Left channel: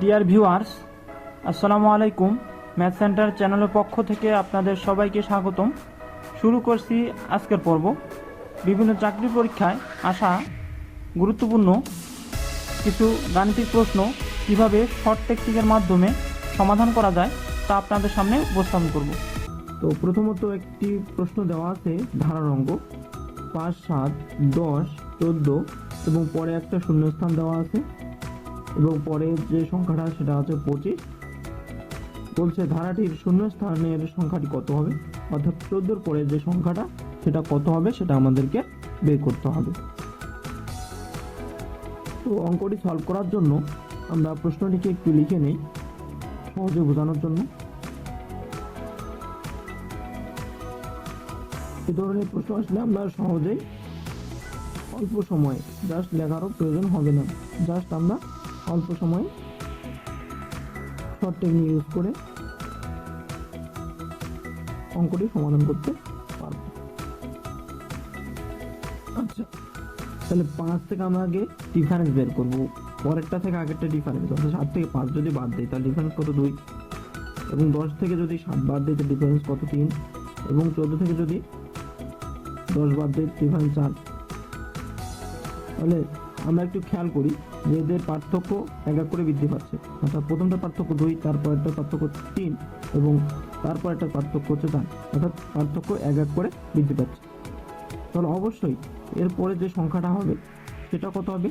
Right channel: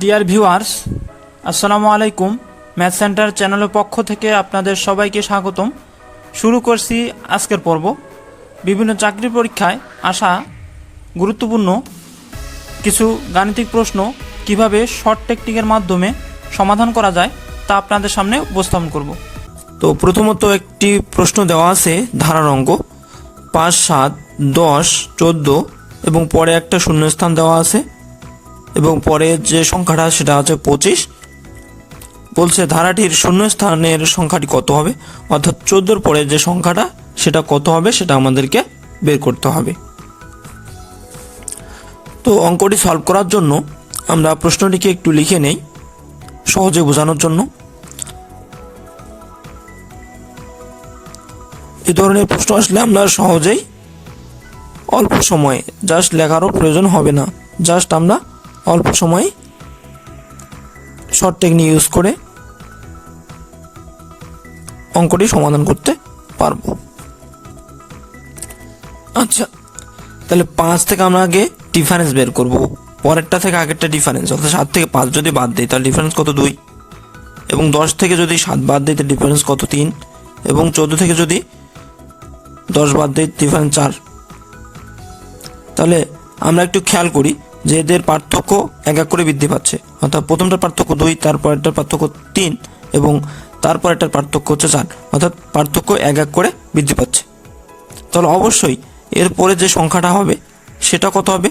Dear viewers, আসসালামু আলাইকুম। Math centre চ্যানেলের পক্ষ থেকে আপনাদের সবাইকে স্বাগতম। শুরু করছি আজকের পর্ব। বিভিন্ন চাকরি পরীক্ষায় আসা গুরুত্বপূর্ণ কিছু গাণিতিক প্রশ্ন কিভাবে শর্ট টেকনিকের মাধ্যমে সমাধান করা যায় তা আপনাদের সামনে উপস্থাপন করব। তো প্রথমত একটি প্রশ্ন দেওয়া আছে ধারার অঙ্ক 5, 7, 10, 14 এবং পরে একটা শূন্যস্থান দেওয়া আছে এবং পরে যে সংখ্যাটা সেটা হচ্ছে 25। বলছে ধারাটির শূন্যস্থানের সংখ্যাটি কত হবে, অর্থাৎ 14 পরে যে সংখ্যাটা সেটা কত হবে সেটা আমাদেরকে বের করতে হবে। তো অঙ্কটি সলভ করার জন্য আমরা প্রশ্নটিকে একটু লিখে নেই সহজে বোঝানোর জন্য। এই ধরনের প্রশ্ন আসলে আমরা সহজেই অল্প সময়ে জাস্ট লেখারও প্রয়োজন হবে না, জাস্ট আমরা অল্প সময়ে শর্ট টেকনিক ইউজ করে অঙ্কটি সমাধান করতে পারবো। আচ্ছা, তাহলে 5 থেকে আমরা আগে ডিফারেন্স বের করব। পরেরটা থেকে আগেরটা ডিফারেন্স, অর্থাৎ 7 থেকে 5 যদি বাদ দিই তাহলে ডিফারেন্স কত 2, এবং 10 থেকে যদি 7 বাদ দিই তাহলে ডিফারেন্স কত 3, এবং 14 থেকে যদি 10 বাদ দিই ডিফারেন্স 4। তাহলে আমরা একটু খেয়াল করি যে এদের পার্থক্য এক এক করে বৃদ্ধি পাচ্ছে, অর্থাৎ প্রথমটার পার্থক্য 2, তারপরেরটার পার্থক্য 3 এবং তারপরেরটার পার্থক্য হচ্ছে 4, অর্থাৎ পার্থক্য এক এক করে বৃদ্ধি পাচ্ছে। তাহলে অবশ্যই এরপরে যে সংখ্যাটা হবে সেটা কত হবে,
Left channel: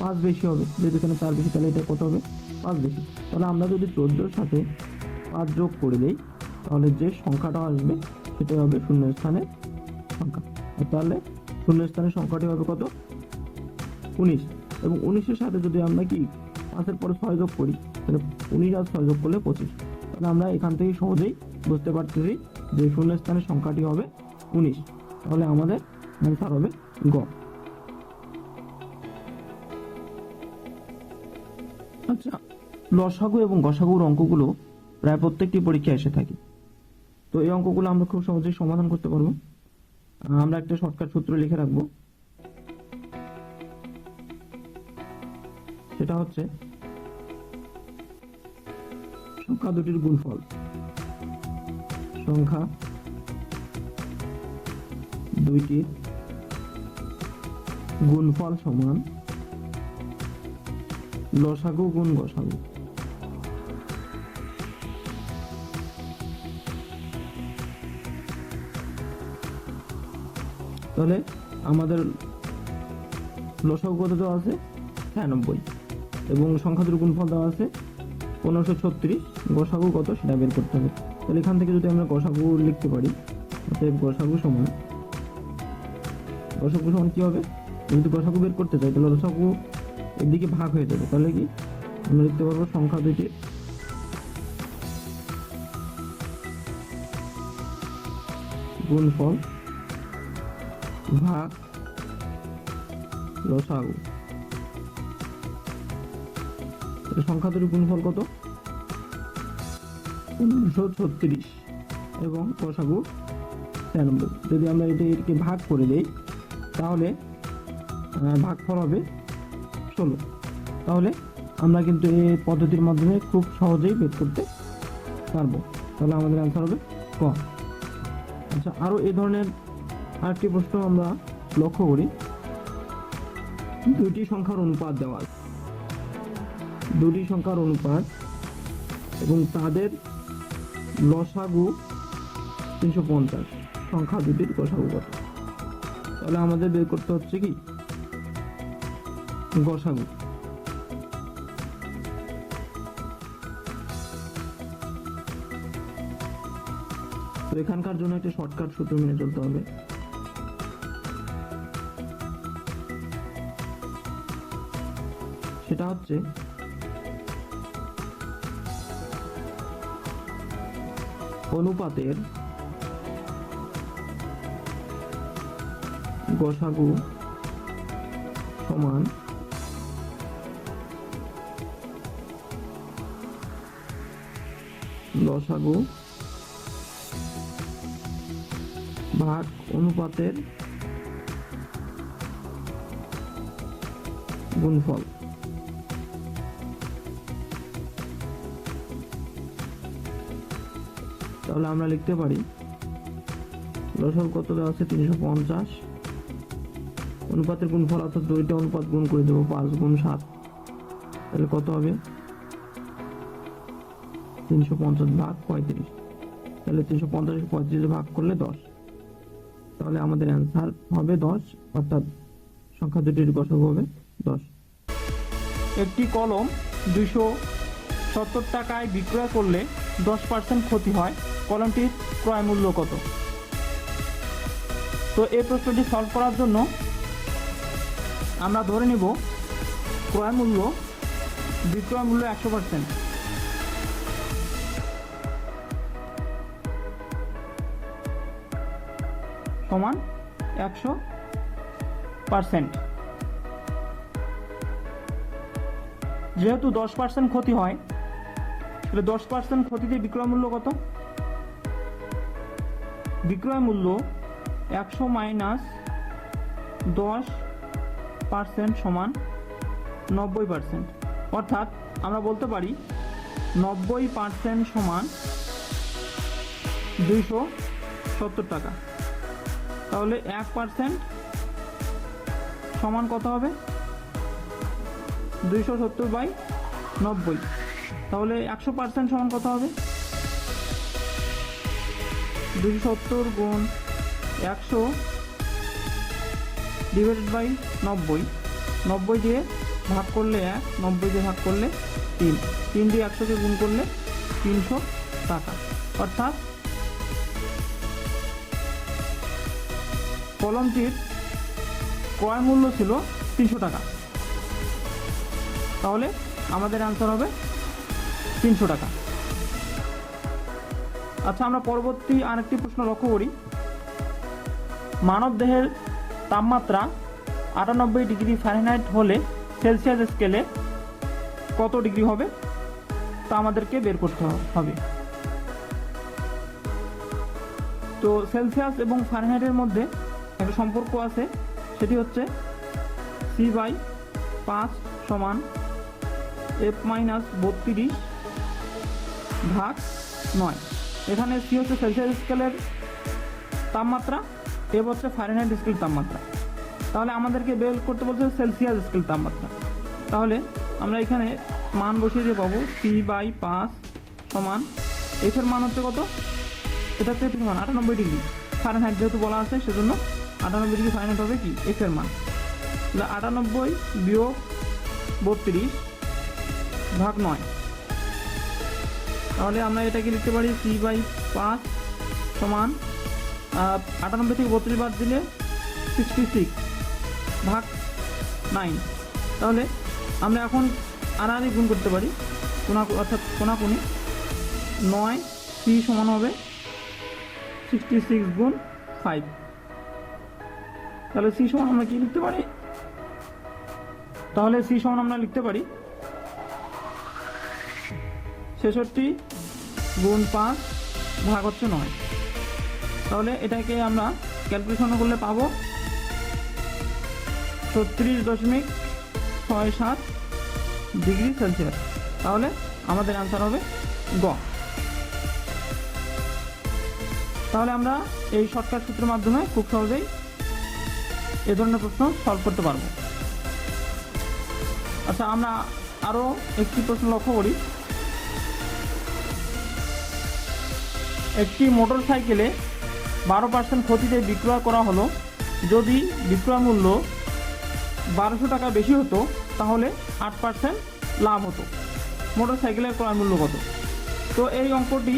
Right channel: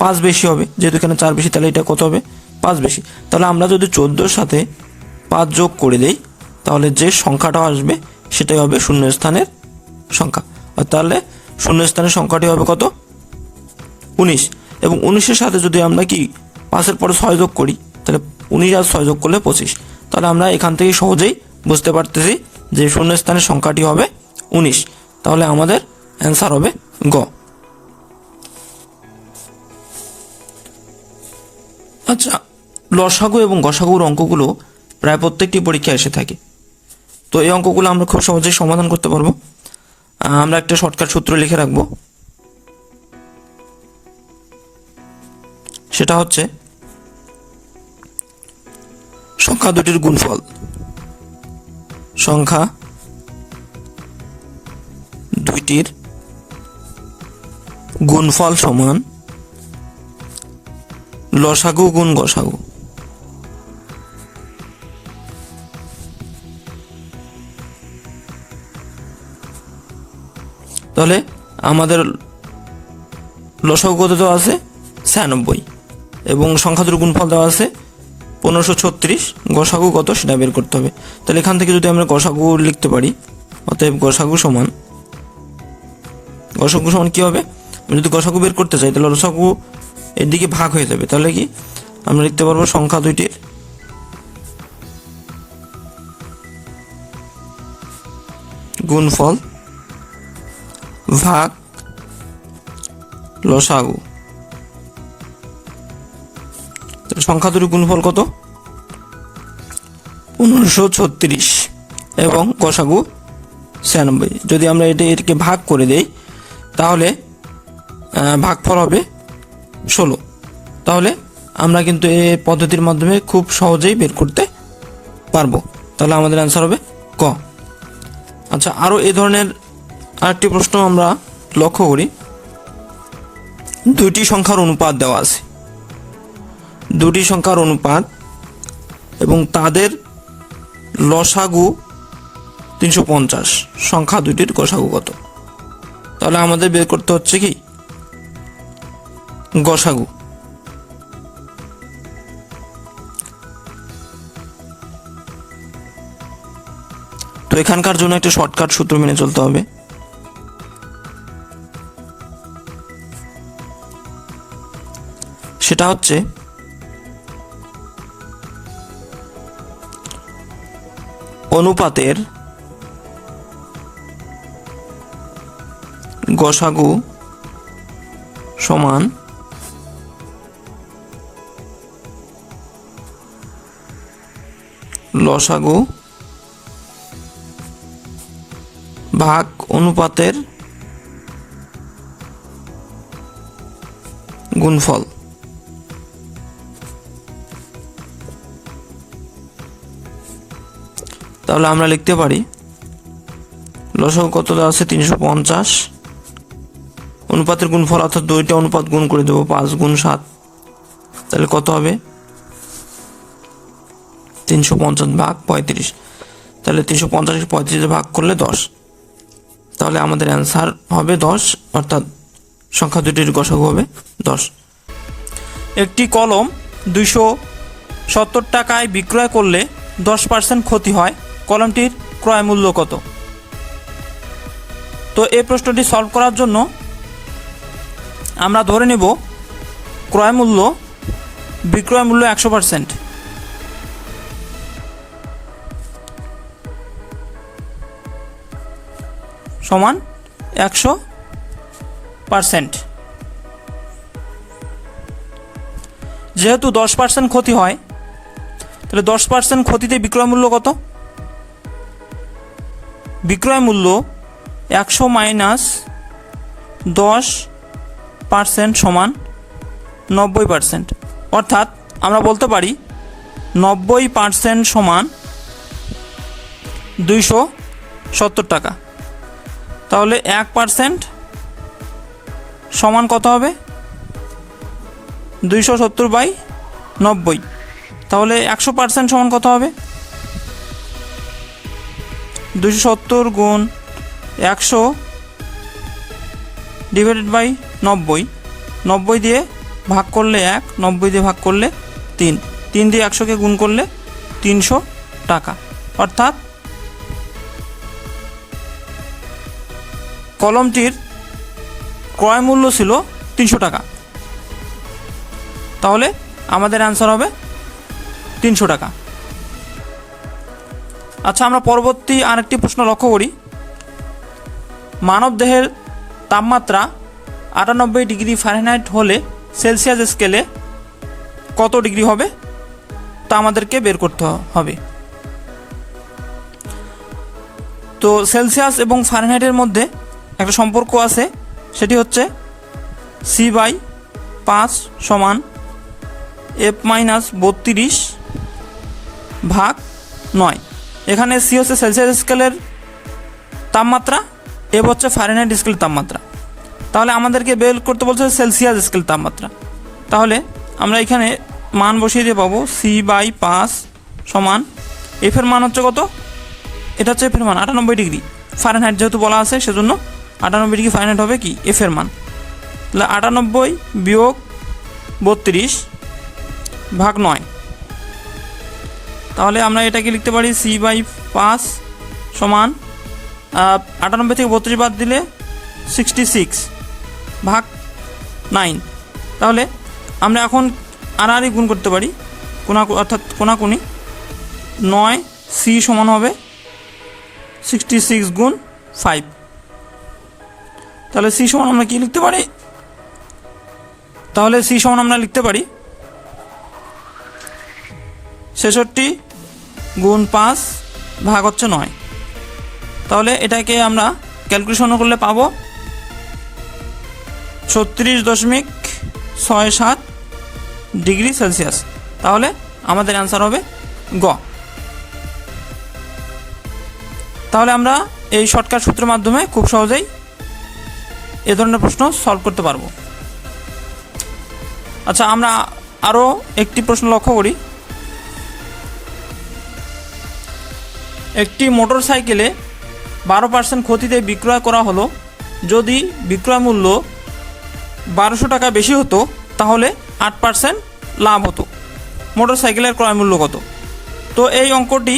5 বেশি হবে। যেহেতু এখানে 4 বেশি তাহলে এটা কত হবে, 5 বেশি। তাহলে আমরা যদি 14-র সাথে 5 যোগ করে দেই তাহলে যে সংখ্যাটা আসবে সেটাই হবে শূন্যস্থানের সংখ্যা। তাহলে শূন্যস্থানের সংখ্যাটি হবে কত, 19। এবং 19-এর সাথে যদি আমরা কি 5-এর পরে 6 যোগ করি তাহলে 19 আর 6 যোগ করলে 25। তাহলে আমরা এখান থেকে সহজেই বুঝতে পারতেছি যে শূন্যস্থানের সংখ্যাটি হবে 19। তাহলে আমাদের অ্যান্সার হবে গ। আচ্ছা, লসাগু এবং গসাগুর অঙ্কগুলো প্রায় প্রত্যেকটি পরীক্ষায় এসে থাকে। তো এই অঙ্কগুলো আমরা খুব সহজেই সমাধান করতে পারবো। আমরা একটা শর্টকাট সূত্র লিখে রাখবো, সেটা হচ্ছে সংখ্যা দুটির গুণফল। সংখ্যা দুইটির গুণফল সমান লসাগু গুণ গসাগু। তাহলে আমাদের লসাগু কত দেওয়া আছে 96 এবং সংখ্যা দুটির গুণফল দেওয়া আছে 1536, গসাগু কত সেটা বের করতে হবে। তাহলে এখান থেকে যদি আমরা গসাগু লিখতে পারি, অতএব গসাগু সমান কি হবে, যদি গসাগু বের করতে চাই তাহলে লসাগু এর দিকে ভাগ হয়ে যাবে। তাহলে কি আমরা লিখতে পারবো সংখ্যা দুইটির গুণফল ভাগ লসাগু। সংখ্যা দুটির গুণফল কত 1536 এবং গসাগু 96। যদি আমরা এটাকে ভাগ করে দেই তাহলে ভাগফল হবে 16। তাহলে আমরা কিন্তু এই পদ্ধতির মাধ্যমে খুব সহজেই বের করতে পারবো। তাহলে আমাদের অ্যান্সার হবে ক। আচ্ছা, আরও এই ধরনের আরেকটি প্রশ্ন আমরা লক্ষ্য করি। দুইটি সংখ্যার অনুপাত দেওয়া আছে, দুটি সংখ্যার অনুপাত এবং তাদের লসাগু 350, সংখ্যা দুটির গসাগু কত। তাহলে আমাদের বের করতে হচ্ছে কি গসাগু। তো এখানকার জন্য একটা শর্টকাট সূত্র মেনে চলতে হবে। সেটা হচ্ছে অনুপাতের গসাগু সমান লসাগু ভাগ অনুপাতের গুণফল। তাহলে আমরা লিখতে পারি লসাগু কত দেওয়া আছে 350, অনুপাতের গুণফল অর্থাৎ দুইটা অনুপাত গুণ করে দেবো 5 গুণ 7, তাহলে কত হবে 350 ভাগ 35, তাহলে 350 35 ভাগ করলে 10, তাহলে আমাদের অ্যান্সার হবে 10, অর্থাৎ সংখ্যা দুটির গসাগু হবে 10। একটি কলম 270 টাকায় বিক্রয় করলে 10% ক্ষতি হয়, কলমটির ক্রয় মূল্য কত? তো এই প্রশ্নটি সলভ করার জন্য আমরা ধরে নেব ক্রয় মূল্য বিক্রয় মূল্য 100%। সমান 100%। যেহেতু 10% ক্ষতি হয়, তাহলে 10% ক্ষতিতে বিক্রয় মূল্য কত? বিক্রয় মূল্য 100 মাইনাস 10% সমান 90%। অর্থাৎ আমরা বলতে পারি 90% সমান 270 টাকা। তাহলে 1% সমান কত হবে? 270/90। তাহলে 100% সমান কত হবে? 270 গুণ 100 ডিভাইডেড বাই 90। 90 দিয়ে ভাগ করলে 1, 90 দিয়ে ভাগ করলে 3, 3 দিয়ে 100কে গুণ করলে 300 টাকা। অর্থাৎ কলমটির ক্রয় মূল্য ছিল 300 টাকা। তাহলে আমাদের অ্যান্সার হবে 300 টাকা। আচ্ছা, আমরা পরবর্তী আরেকটি প্রশ্ন লক্ষ্য করি। মানবদেহের তাপমাত্রা 98 ডিগ্রি ফারেনহাইট হলে সেলসিয়াস স্কেলে কত ডিগ্রি হবে তা আমাদেরকে বের করতে হবে। তো সেলসিয়াস এবং ফারেনহাইটের মধ্যে একটা সম্পর্ক আছে, সেটি হচ্ছে C/5 সমান F-32 ভাগ 9। এখানে সি হচ্ছে সেলসিয়াস স্কেলের তাপমাত্রা, এফ হচ্ছে ফারেনহাইট স্কেলের তাপমাত্রা। তাহলে আমাদেরকে বের করতে বলছে সেলসিয়াস স্কেল তাপমাত্রা। তাহলে আমরা এখানে মান বসিয়ে দিয়ে পাবো C/5 সমান এফের মান হচ্ছে কত? এটা হচ্ছে এফের মান 98 ডিগ্রি ফারেনহাইট, যেহেতু বলা আছে সেজন্য 98 ডিগ্রি ফারেনহাইট হবে কি এফের মান। তাহলে 98 বিয়োগ 32 ভাগ 9। তাহলে আমরা এটাকে লিখতে পারি C/5 সমান 98 থেকে 32 বাদ দিলে 66 ভাগ 9। তাহলে আমরা এখন আড়াআড়ি গুণ করতে পারি, অর্থাৎ কোনাকুনি 9 C সমান হবে 66 গুণ 5। তাহলে C সমান আমরা কি লিখতে পারি? তাহলে C সমান আমরা লিখতে পারি 66 গুণ 5 ভাগ হচ্ছে 9। তাহলে এটাকে আমরা ক্যালকুলেশন করলে পাবো 36.67 ডিগ্রি সেলসিয়াস। তাহলে আমাদের অ্যান্সার হবে গ। তাহলে আমরা এই শর্টকাট সূত্রের মাধ্যমে খুব সহজেই এ ধরনের প্রশ্ন সলভ করতে পারবো। আচ্ছা, আমরা আরও একটি প্রশ্ন লক্ষ্য করি। একটি মোটর সাইকেলে 12% ক্ষতিতে বিক্রয় করা হলো। যদি বিক্রয় মূল্য 1200 টাকা বেশি হতো তাহলে 8% লাভ হতো। মোটর সাইকেলের ক্রয় মূল্য কত? তো এই অঙ্কটি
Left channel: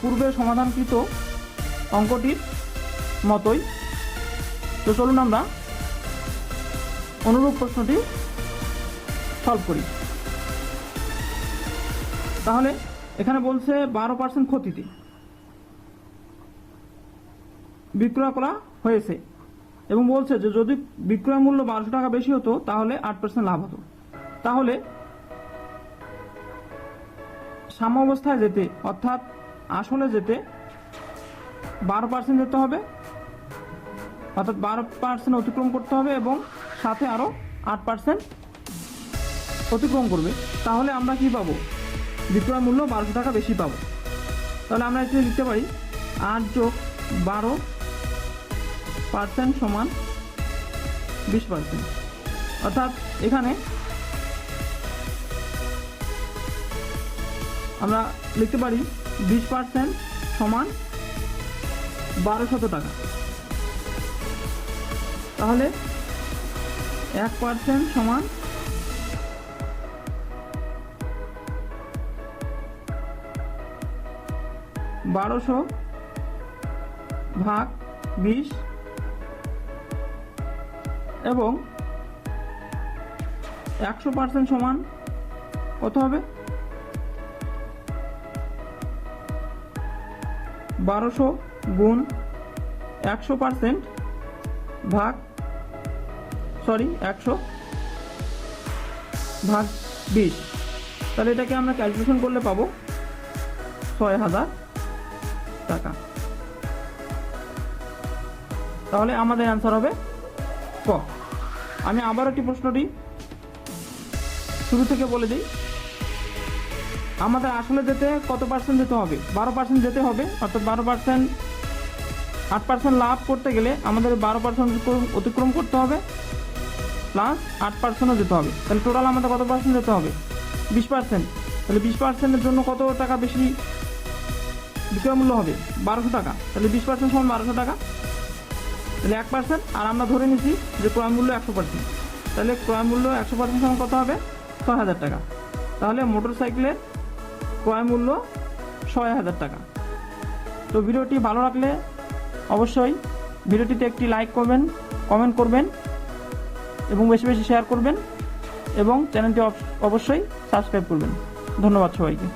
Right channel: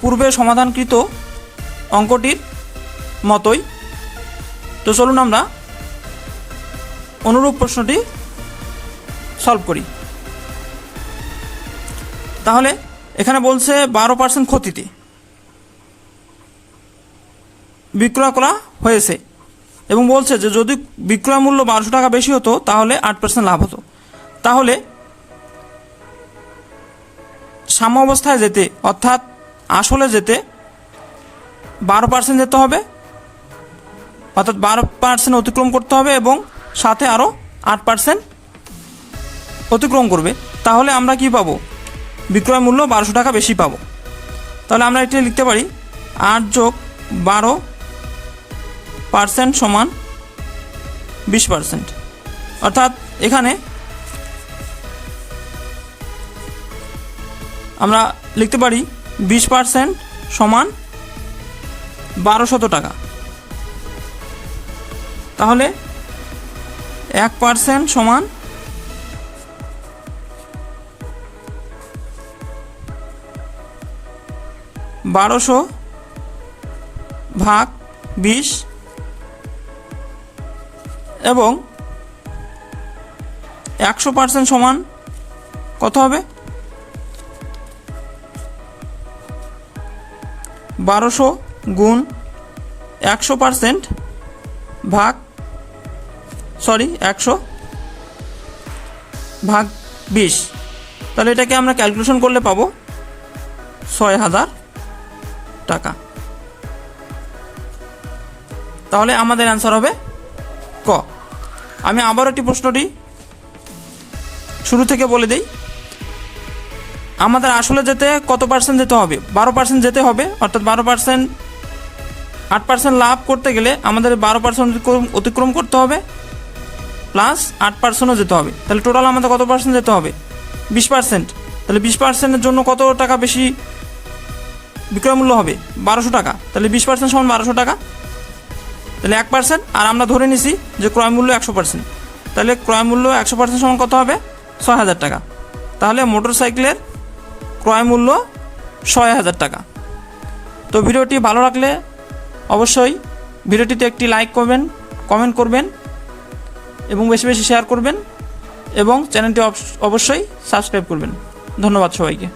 পূর্বে সমাধানকৃত অঙ্কটির মতোই। তো চলুন আমরা অনুরূপ প্রশ্নটি সলভ করি। তাহলে এখানে বলছে 12% ক্ষতিতে বিক্রয় করা হয়েছে এবং বলছে যে যদি বিক্রয় মূল্য 1200 টাকা বেশি হতো তাহলে 8% লাভ হতো। তাহলে সাম্য অবস্থায় যেতে, অর্থাৎ আসলে যেতে 12% যেতে হবে, অর্থাৎ 12% অতিক্রম করতে হবে এবং সাথে আরও 8% অতিক্রম করবে। তাহলে আমরা কি পাবো? বিক্রয় মূল্য 1200 টাকা বেশি পাবো। তাহলে আমরা এটা লিখতে পারি 8 যোগ 12% সমান 20%। অর্থাৎ এখানে আমরা লিখতে পারি 20% সমান 1200 টাকা। তাহলে 1% সমান 1200 ভাগ 20 এবং 100% সমান কত হবে? 1200 গুণ 100% ভাগ 100 ভাগ 20। তাহলে এটাকে আমরা ক্যালকুলেশন করলে পাবো 6000 টাকা। তাহলে আমাদের অ্যান্সার হবে ক। আমি আবার একটি প্রশ্নটি শুরু থেকে বলে দিই। আমাদের আসলে যেতে কত পার্সেন্ট যেতে হবে? 12% যেতে হবে। অর্থাৎ 12% 8% লাভ করতে গেলে আমাদের 12% অতিক্রম করতে হবে, প্লাস 8%ও যেতে হবে। তাহলে টোটাল আমাদের কত পার্সেন্ট যেতে হবে? 20%। তাহলে 20%-এর জন্য কত টাকা বেশি বিক্রয় মূল্য হবে? 1200 টাকা। তাহলে 20% সমান 1200 টাকা। তাহলে 1%, আর আমরা ধরে নিছি যে ক্রয় মূল্য 100%। তাহলে ক্রয় মূল্য 100% সমান কত হবে? 6000 টাকা। তাহলে মোটর সাইকেলের ক্রয় মূল্য 6000 টাকা। তো ভিডিওটি ভালো লাগলে অবশ্যই ভিডিওটিতে একটি লাইক করবেন, কমেন্ট করবেন এবং বেশি বেশি শেয়ার করবেন এবং চ্যানেলটি অবশ্যই সাবস্ক্রাইব করবেন। ধন্যবাদ সবাইকে।